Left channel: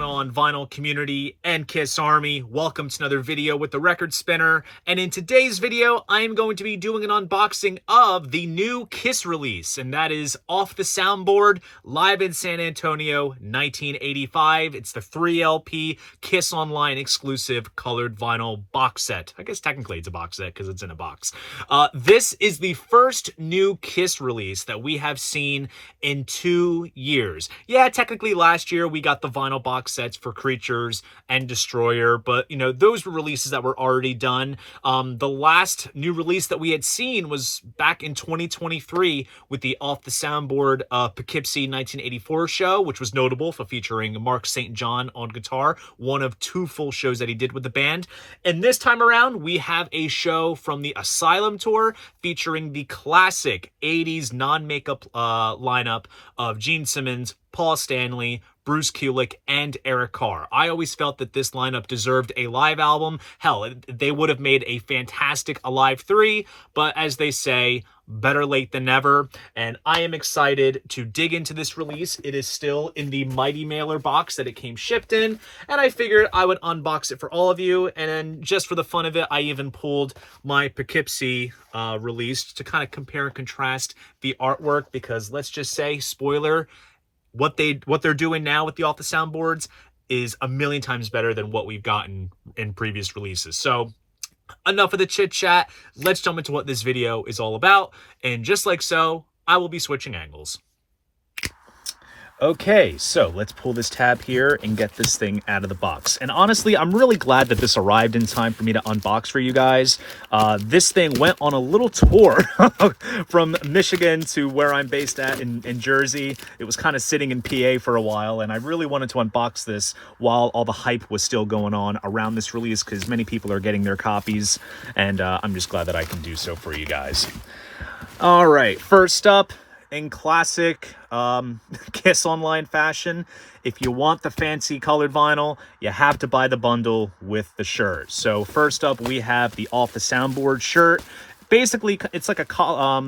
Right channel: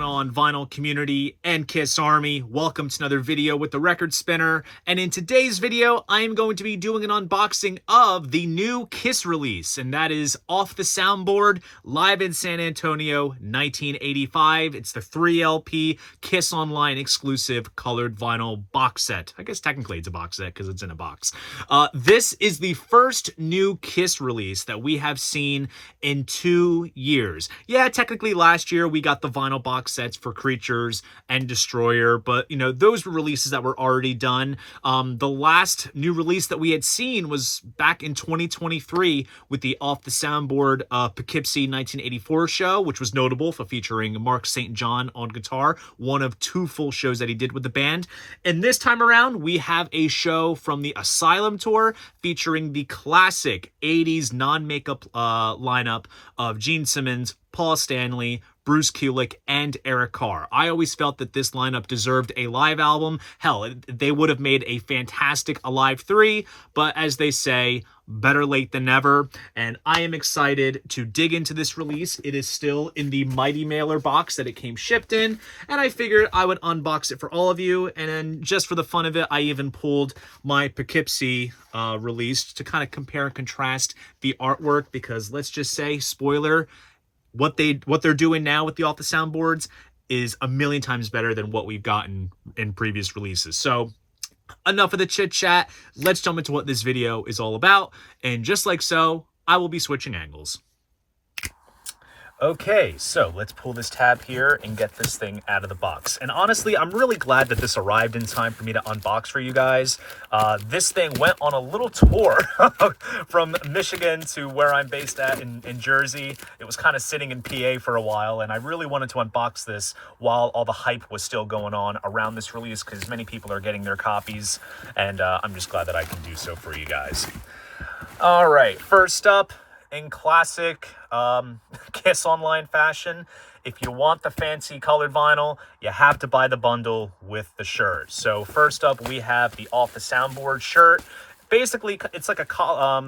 going on, vinyl community and Kiss Army? Welcome to another video with the Record Spinner, and in today's video I am going to be doing an unboxing of the new Kiss release, and that is Off the Soundboard Live in San Antonio 1985. It's the 3LP Kiss Online exclusive colored vinyl box set. I guess technically it's a box set because it's in a box. This is the first new Kiss release that we have seen in 2 years. Yeah, technically last year we got the vinyl box sets for Creatures and Destroyer, but you know, those were releases that were already done. The last new release that we had seen was back in 2023 with the Off the Soundboard Poughkeepsie 1984 show, which was notable for featuring Mark St. John on guitar, one of 2 full shows that he did with the band. And this time around we have a show from the Asylum tour featuring the classic 80s non-makeup lineup of Gene Simmons, Paul Stanley, Bruce Kulick, and Eric Carr. I always felt that this lineup deserved a live album. Hell, they would have made a fantastic Alive 3, but as they say, better late than never. And I am excited to dig into this release. It is still in the Mighty Mailer box that it came shipped in, and I figured I would unbox it for all of you. And then just for the fun of it, I even pulled my Poughkeepsie release to kind of compare and contrast the artwork, because let's just say, spoiler, what they're doing now with the Off the Soundboards is a million times better than what we've gotten in previous releases. So enough of the chit chat. Let's jump into what this video is all about. And just like so, I will be switching angles. Okay, so let's pull this tab here and get this thing out of the box. And honestly, I'm really glad that this arrived in time for me to unbox for you guys. This thing went on a little tour from Michigan to where I'm based at in Jersey. It was kind of sitting in PA for a while, and I really wanted to unbox this while all the hype was still going on around this release, because many people are getting their copies, and I'm just glad that I can do so for you guys. All right, first up, in classic Kiss Online fashion, if you want the fancy colored vinyl, you have to buy the bundle with the shirt. So first up, we have the Off the Soundboard shirt. Basically, it's like a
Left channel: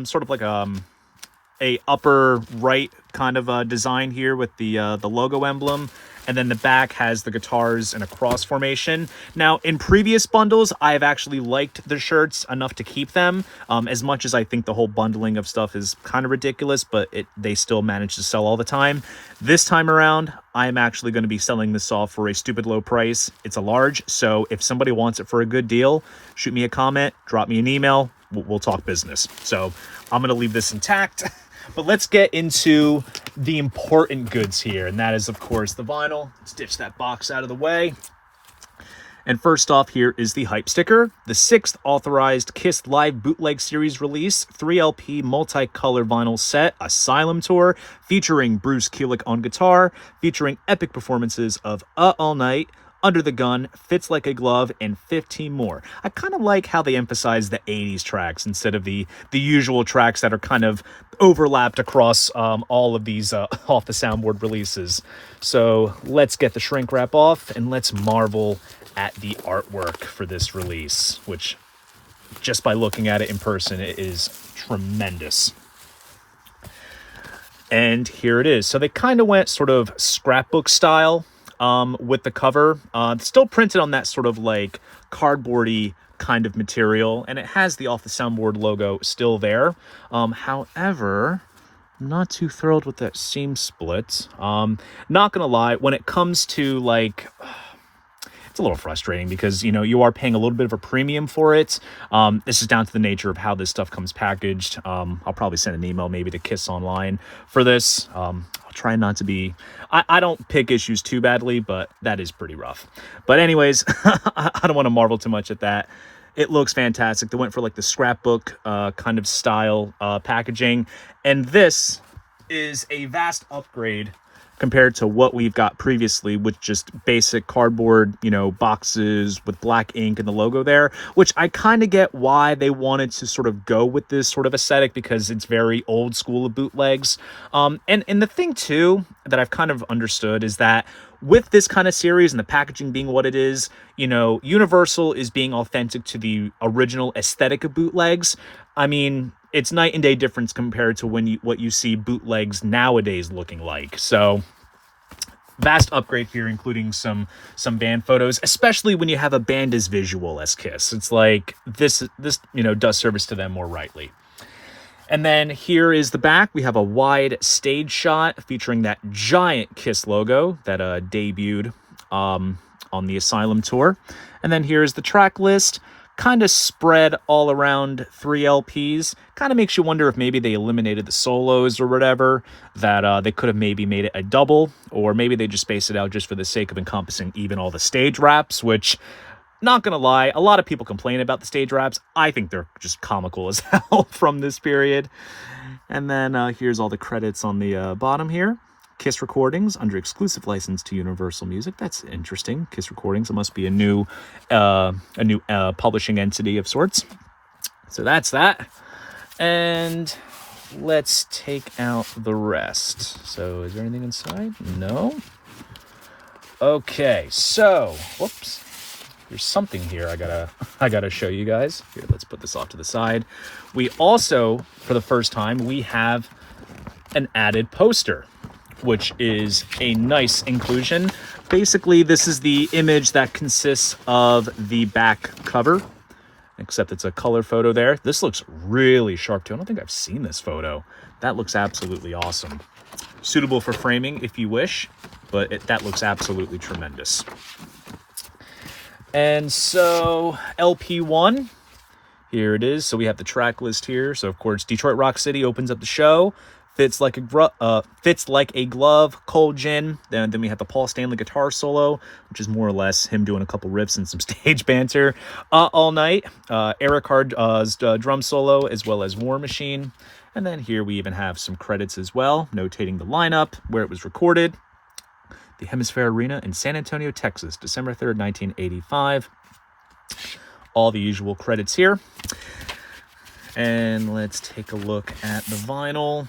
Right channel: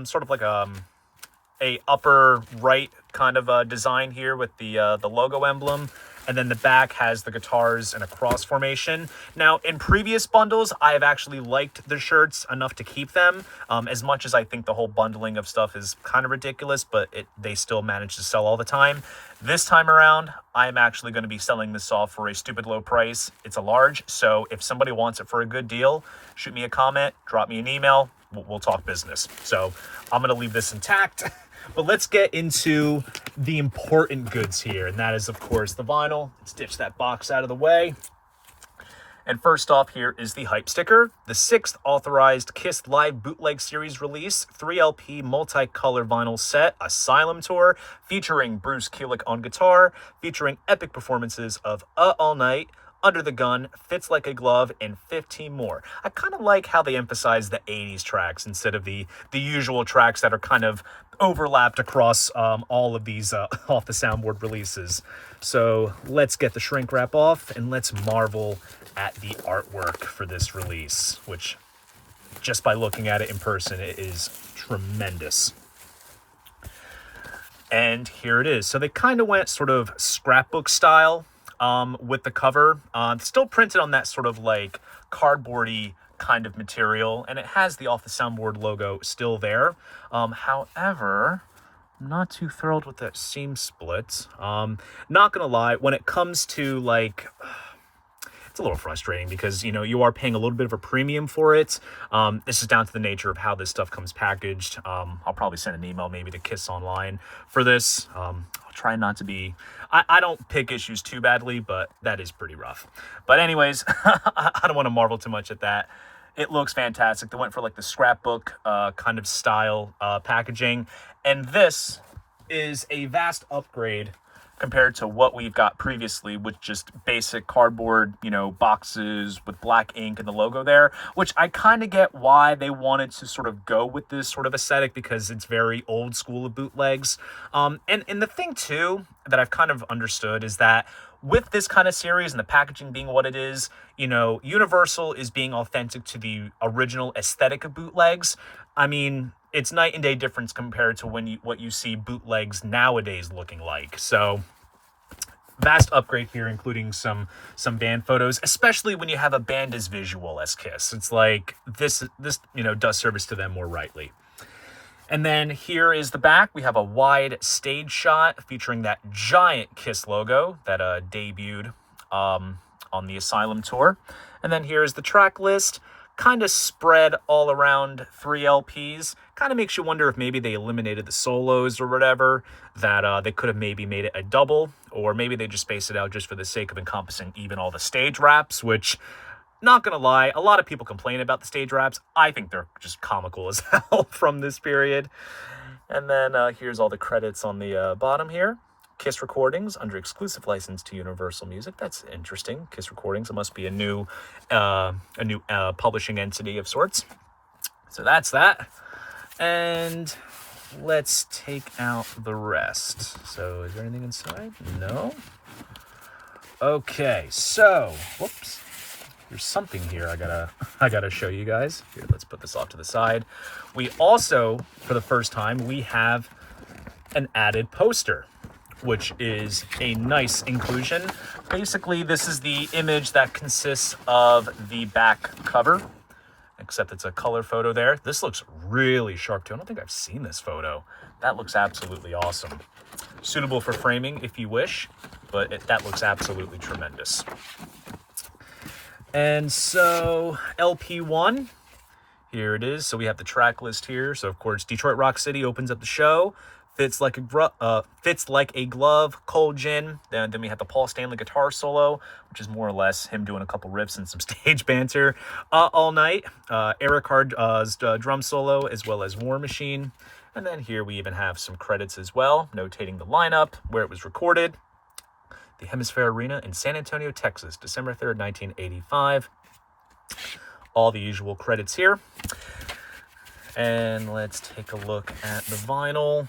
sort of like a upper right kind of design here with the logo emblem. And then the back has the guitars in a cross formation. Now, in previous bundles, I have actually liked the shirts enough to keep them. As much as I think the whole bundling of stuff is kind of ridiculous, but they still manage to sell all the time. This time around, I am actually going to be selling this off for a stupid low price. It's a large, so if somebody wants it for a good deal, shoot me a comment, drop me an email, we'll talk business. So I'm going to leave this intact. But let's get into the important goods here, and that is, of course, the vinyl. Let's ditch that box out of the way. And first off, here is the hype sticker, the 6th authorized Kiss Live Bootleg Series release, 3LP multicolored vinyl set, Asylum Tour, featuring Bruce Kulick on guitar, featuring epic performances of All Night, Under the Gun, Fits Like a Glove, and 15 more. I kind of like how they emphasize the 80s tracks instead of the usual tracks that are kind of overlapped across all of these Off the Soundboard releases. So let's get the shrink wrap off and let's marvel at the artwork for this release, which just by looking at it in person, it is tremendous. And here it is. So they kind of went sort of scrapbook style with the cover. Still printed on that sort of like cardboardy kind of material, and it has the Off the Soundboard logo still there. However, not too thrilled with that seam split. Not gonna lie, when it comes to like, it's a little frustrating because, you know, you are paying a little bit of a premium for it. This is down to the nature of how this stuff comes packaged. I'll probably send an email maybe to Kiss Online for this. I'll try not to be, I don't pick issues too badly, but that is pretty rough. But anyways, I don't want to marvel too much at that. It looks fantastic. They went for like the scrapbook kind of style packaging. And this is a vast upgrade compared to what we've got previously with just basic cardboard, you know, boxes with black ink and the logo there, which I kind of get why they wanted to sort of go with this sort of aesthetic, because it's very old school of bootlegs. And the thing too that I've kind of understood is that with this kind of series and the packaging being what it is, you know, Universal is being authentic to the original aesthetic of bootlegs. I mean, it's night and day difference compared to what you see bootlegs nowadays looking like. So vast upgrade here, including some band photos, especially when you have a band as visual as Kiss. It's like this does service to them more rightly. And then here is the back. We have a wide stage shot featuring that giant Kiss logo that debuted on the Asylum tour. And then here's the track list, kind of spread all around 3 LPs. Kind of makes you wonder if maybe they eliminated the solos or whatever, that they could have maybe made it a double, or maybe they just spaced it out just for the sake of encompassing even all the stage raps, which, not gonna lie, a lot of people complain about the stage raps. I think they're just comical as hell from this period. And then here's all the credits on the bottom here. Kiss Recordings under exclusive license to Universal Music. That's interesting. Kiss Recordings. It must be a new publishing entity of sorts. So that's that. And let's take out the rest. So is there anything inside? No. Okay. So whoops. There's something here I gotta show you guys. Here, let's put this off to the side. We also, for the first time, we have an added poster, which is a nice inclusion. Basically, this is the image that consists of the back cover, except it's a color photo there. This looks really sharp too. I don't think I've seen this photo. That looks absolutely awesome. Suitable for framing if you wish, but that looks absolutely tremendous. And so LP1, here it is. So we have the track list here. So of course, Detroit Rock City opens up the show. Fits like a glove, Cold Gin. Then we have the Paul Stanley guitar solo, which is more or less him doing a couple riffs and some stage banter. All Night, Eric Hard's drum solo, as well as War Machine. And then here we even have some credits as well, notating the lineup, where it was recorded. The Hemisphere Arena in San Antonio, Texas, December 3rd, 1985. All the usual credits here. And let's take a look at the vinyl.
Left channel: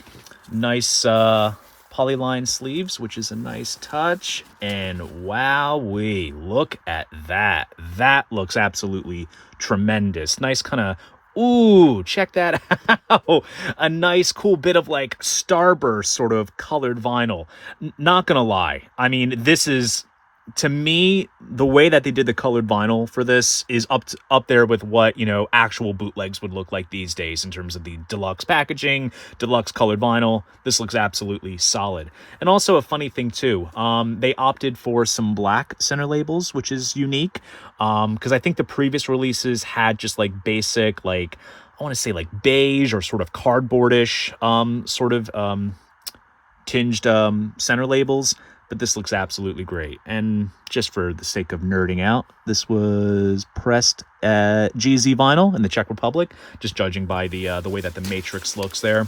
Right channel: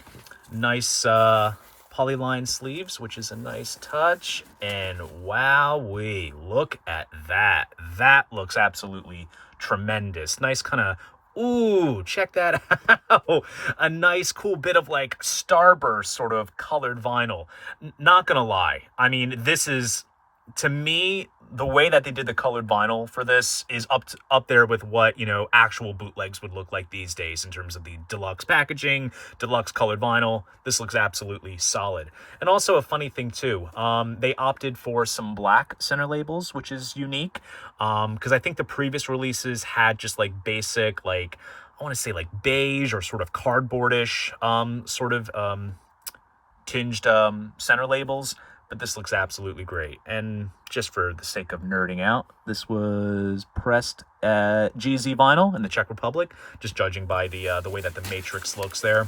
Nice polyline sleeves, which is a nice touch. And wowee, look at that. That looks absolutely tremendous. Nice kind of, ooh, check that out. A nice cool bit of like starburst sort of colored vinyl. Not gonna lie, I mean, this is, to me, the way that they did the colored vinyl for this is up there with what, actual bootlegs would look like these days in terms of the deluxe packaging, deluxe colored vinyl. This looks absolutely solid. And also a funny thing too, they opted for some black center labels, which is unique, because I think the previous releases had just like basic, like, I want to say like beige or sort of cardboardish tinged center labels. But this looks absolutely great. And just for the sake of nerding out, this was pressed at GZ Vinyl in the Czech Republic, just judging by the way that the matrix looks there.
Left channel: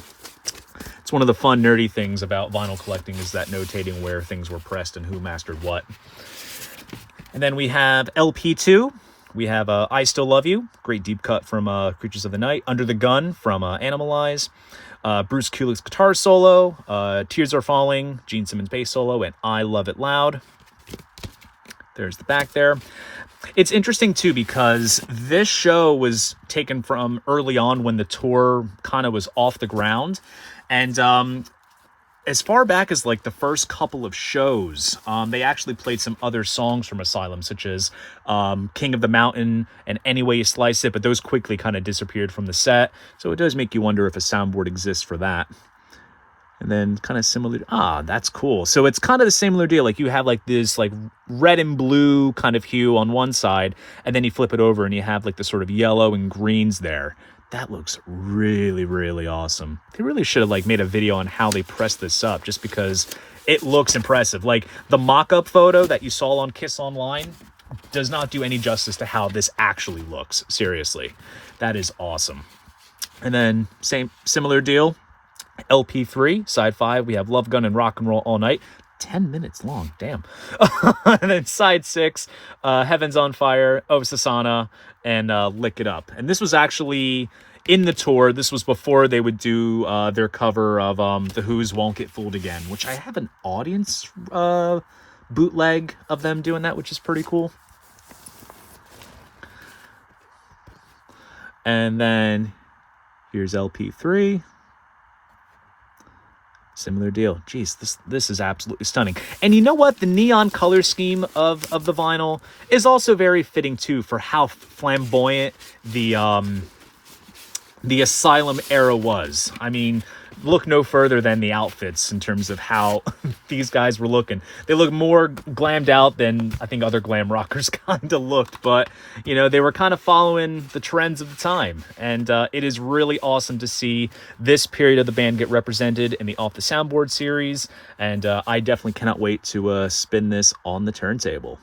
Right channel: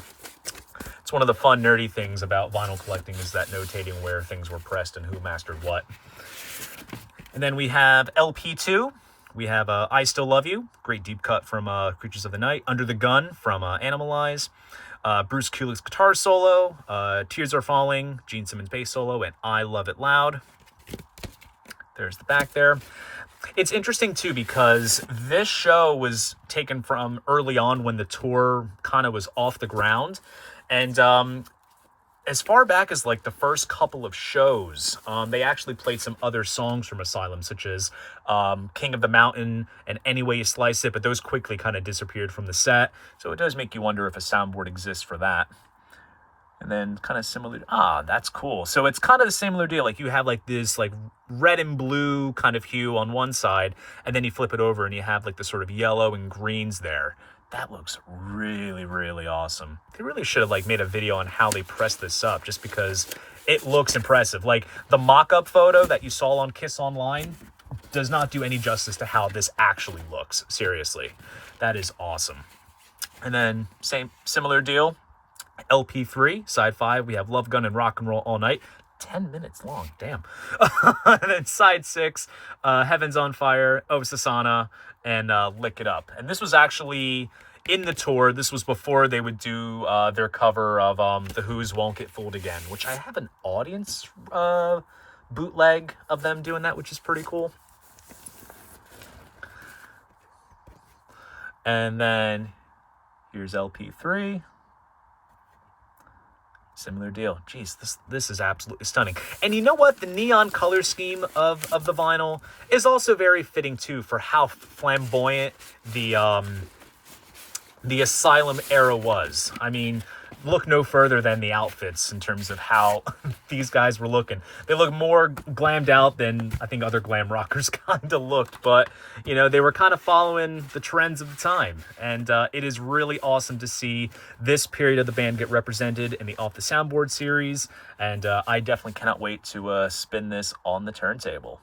It's one of the fun nerdy things about vinyl collecting, is that notating where things were pressed and who mastered what. And then we have LP2. We have I Still Love You, great deep cut from Creatures of the Night. Under the Gun from Animalize. Bruce Kulick's guitar solo, Tears Are Falling, Gene Simmons bass solo, and I Love It Loud. There's the back there. It's interesting too, because this show was taken from early on when the tour kind of was off the ground. And as far back as like the first couple of shows, they actually played some other songs from Asylum, such as King of the Mountain and Any Way You Slice It, but those quickly kind of disappeared from the set. So it does make you wonder if a soundboard exists for that. And then kind of similar, that's cool. So it's kind of the similar deal. Like you have like this like red and blue kind of hue on one side, and then you flip it over and you have like the sort of yellow and greens there. That looks really, really awesome. They really should have like made a video on how they pressed this up, just because it looks impressive. Like the mock-up photo that you saw on Kiss Online does not do any justice to how this actually looks. Seriously, that is awesome. And then similar deal, LP3, side 5, we have Love Gun and Rock and Roll All Night. 10 minutes long, damn. And then side 6, Heaven's on Fire, Oh Susanna, and Lick It Up. And this was actually in the tour. This was before they would do their cover of The Who's Won't Get Fooled Again, which I have an audience bootleg of them doing that, which is pretty cool. And then here's LP3. Similar deal. Jeez, this is absolutely stunning. And you know what? The neon color scheme of the vinyl is also very fitting too for how flamboyant the Asylum era was. I mean, look no further than the outfits in terms of how these guys were looking. They look more glammed out than I think other glam rockers kind of looked, but you know, they were kind of following the trends of the time. And it is really awesome to see this period of the band get represented in the Off the Soundboard series. And I definitely cannot wait to spin this on the turntable.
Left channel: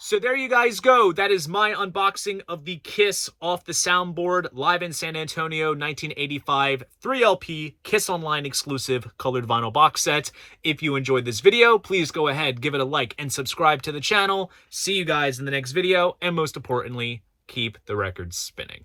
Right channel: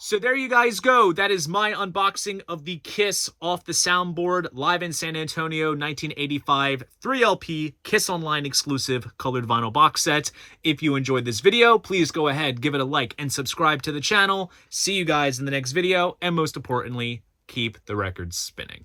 So there you guys go. That is my unboxing of the Kiss Off the Soundboard live in San Antonio 1985 3LP Kiss Online exclusive colored vinyl box set. If you enjoyed this video, please go ahead, give it a like, and subscribe to the channel. See you guys in the next video, and most importantly, keep the records spinning.